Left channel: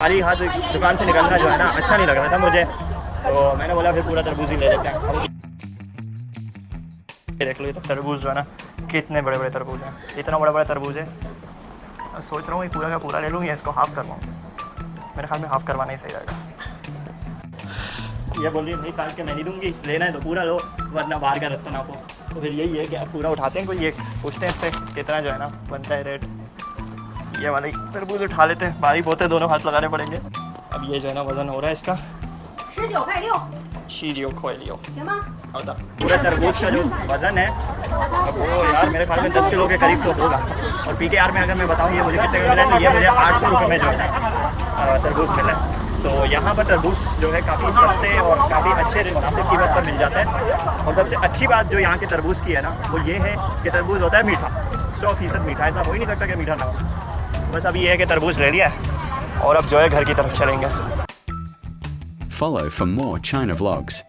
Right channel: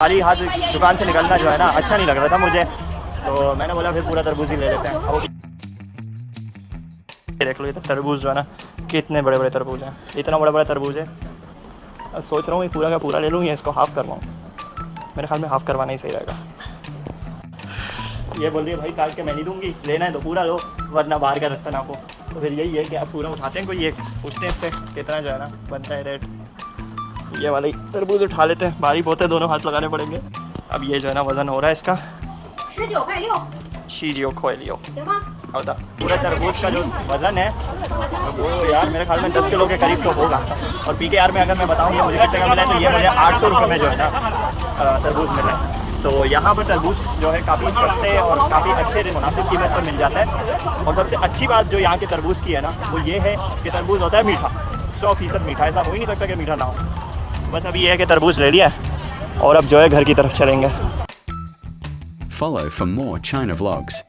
खाली हाथ दुकान से निकलना जो है ना अच्छा नहीं लग रहा था मुझे, तो मैंने बोला फिर पूरा तरबूज ही ले लेते हैं। अब देख लो ये तरबूज जो है ना कितने बड़े बड़े तरबूज हैं, इतना बड़ा बड़ा तरबूज है। और सोच रहा हूँ ये पूरा का पूरा ले लूँ या इसको हाफ़ करवाऊँ। मेरे ख्याल में हाफ़ करवाना ही सही रहेगा। ये बोल रही है भाई काट के मैं नहीं दूँगी, लेना है तो पूरा लो वरना बाहर का रास्ता नापो। तो फिर यही है कि आप पूरा उठाते हैं, कोई ये पूछते हैं इससे कितना जो है ना बनता है रेट। ये वाले तरबूज उठा लेते हैं, भारी बहुत है, दोनों हाथ लगाने पड़ेंगे। अब ये जो है ना वज़न हो रहा है इसका 19.6 पूरे तरबूज का जो वज़न है वो यार मेरे ख्याल में 10 किलो के करीब तो होगा। और PKR में अगर मैं बताऊँ ये मुझे कितने का मिला है, तो ये मुझे 800 रुपये में जो है ना तरबूज मिला है। तो यहाँ पर तरबूज जो है काफ़ी सस्ते और काफ़ी अच्छे मुनासिब कीमत पर मिल जाता है। और सबसे अच्छी बात जो यहाँ के तरबूज की है ना वो ये है कि तरबूज होता है मीठा, 100% मीठा। ऐसा हो ही नहीं सकता कि मीठा ना हो। बस अभी ये है कि तरबूज ले लिया और अब जो है घर की तरफ चलेंगे। Follow for more China vlogs.